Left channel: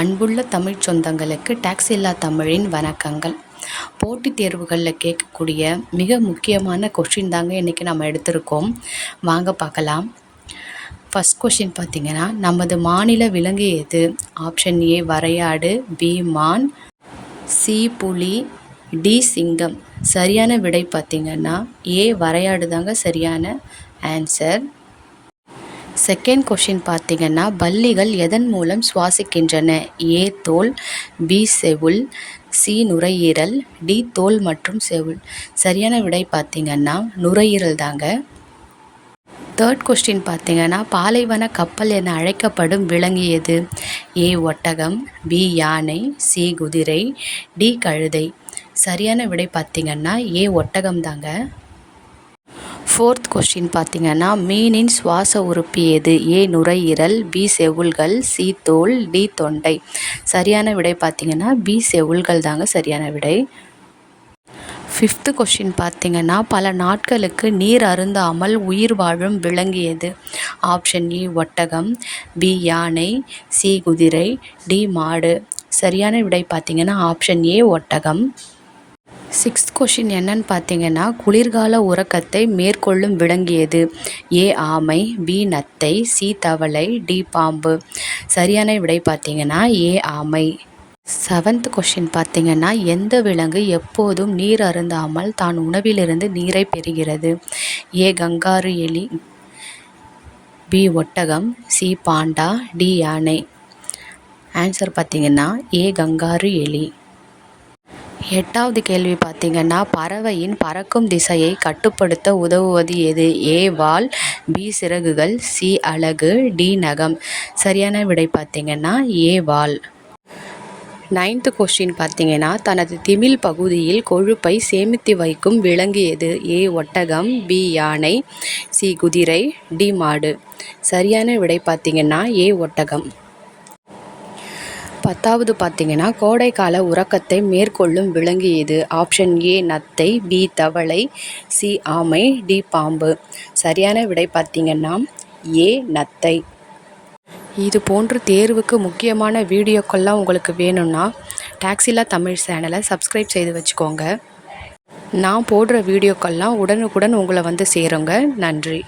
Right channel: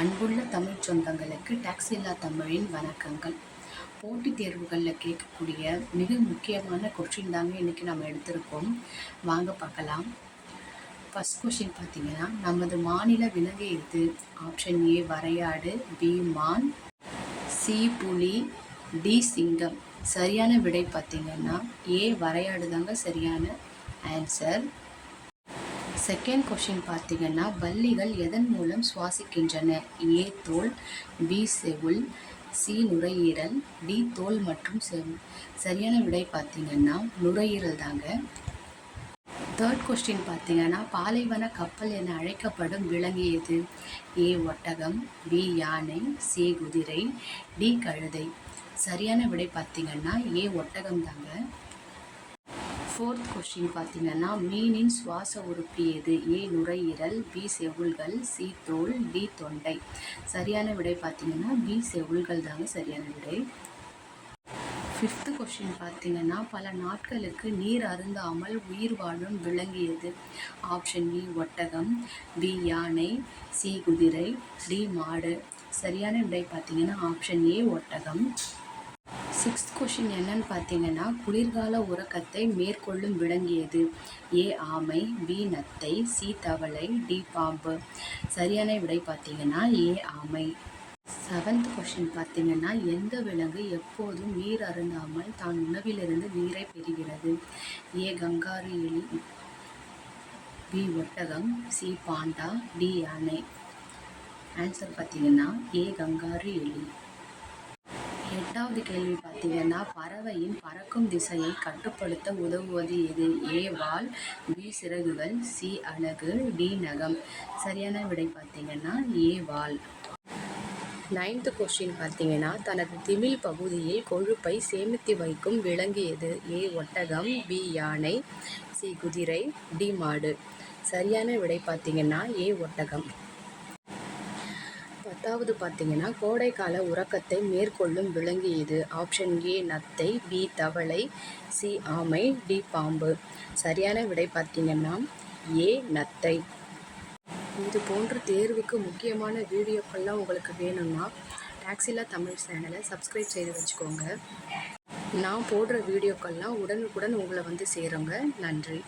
அன்புள்ள தமிழ் சொந்தங்களுக்கு டாக்ஸ் இல்லா தமிழின் வணக்கங்கள். போட்டித் தேர்வுகளில் கேட்கக்கூடிய மிக முக்கியமான கொஷின் தாங்க இன்றைக்கி நம்ம எடுத்திருக்கோம். வாங்க பார்க்கலாம். ஃபஸ்ட் கொஷின் பார்த்திங்கன்னா, நமது மாநில விலங்கு எது? ஆப்ஷன் ஏ வரையாடு, பி மான், சி புலி, டி சிங்கம். சரியான விடை பார்த்திங்கன்னா ஏ வரையாடு தாங்க சரியான ஆன்சர். செகண்ட் கொஷின் பார்த்திங்கன்னா, பல்லிகள் எதன் மூலம் சுவாசிக்கின்றன? ஏ தோல், பி செவுள், சி நுரையீரல், டி தோல் மற்றும் செவுள். சரியான விடை பார்த்திங்கன்னா நுரையீரல் தாங்க. தேர்ட் கொஸ்டின் பார்த்திங்கன்னா, பாலைவன கப்பல் என அழைக்கப்படும் விலங்கு எது? ஏ ஒட்டகம், பி யானை, சி குதிரை, டி கழுதை. சரியான விடை பார்த்திங்கன்னா ஏ ஒட்டகம் தாங்க. ஃபோர்த் கொஸ்டின் பார்த்திங்கன்னா, மீனின் சுவாச உறுப்பு எது? ஏ நுரையீரல், பி செவுள்கள், சி தோல், டி தொண்டை. சரியான விடை பார்த்திங்கன்னா பி செவுள்கள் தாங்க சரியான விடை. ஃபிஃப்த்து கொஸ்டின் பார்த்திங்கன்னா, பல நாட்களுக்கு நீர் அருந்தாமல் உயிர் வாழும் விலங்கு எது? ஆப்ஷன் ஏ ஒட்டகம், பி யானை, சி குதிரை, டி மாடு. சரியான விடை பார்த்திங்கன்னா ஆப்ஷன் ஏ ஒட்டகம். சிக்ஸ்த் கொஷின் என்னன்னு பார்த்தீங்கன்னா, குளிர்கால உறக்கத்தை மேற்கொள்ளும் விலங்கு எது? ஏ ஆமை, பி நத்தை, சி தவளை, டி பாம்பு. சரியான விடை பார்த்தீங்கன்னா ஏ ஆமை. செவன்த் கொஷின் பார்த்தீங்கன்னா, எந்த விலங்கு எப்போதும் நீர் அருந்தாமல் தான் உணவிலிருந்து நீரை பெறுகிறது? ஏ கங்காரு எலி, பி ஒட்டகம், சி பாண்டா, டி யானை. ஆன்சர் பார்த்தீங்கன்னா ஏ கங்காரு எலி. எட்டாவது கேள்வி பார்த்திங்கன்னா, பறவையின் பறக்கும் திசையை கட்டுப்படுத்த உதவுவது எது? ஏ வால், பி சிறகுகள், சி அலகு, டி நகம். சரியான விடை பார்த்திங்கன்னா ஏ வால். நைன்த்து கொஸ்டின் பார்த்திங்கன்னா, தனது திமில் பகுதியில் கொழுப்பை சேமித்து வைக்கும் விலங்கு எது? ஏ ஒட்டகம், பி யானை, சி குதிரை, டி மாடு. சரியான விடை பார்த்திங்கன்னா ஏ ஒட்டகம். பத்தாவது பார்த்திங்கன்னா, கோடைக்கால உறக்கத்தை மேற்கொள்ளும் விலங்கு எது? ஆப்ஷன் ஏ நத்தை, பி தவளை, சி ஆமை, டி பாம்பு. சரியான விடை பார்த்திங்கன்னா ஏ நத்தை. இது போன்று தேர்வுக்கு முக்கியமான வீடியோக்கள்லாம் உங்களுக்கு வேணும்னா டாக்ஸ் இல்லா தமிழ் சேனலை சப்ஸ்கிரைப் செய்து வச்சுக்கோங்க. நான் போடுற வீடியோக்கள்லாம் உடனுக்குடன் உங்களை வந்து சேருங்க. நன்றி.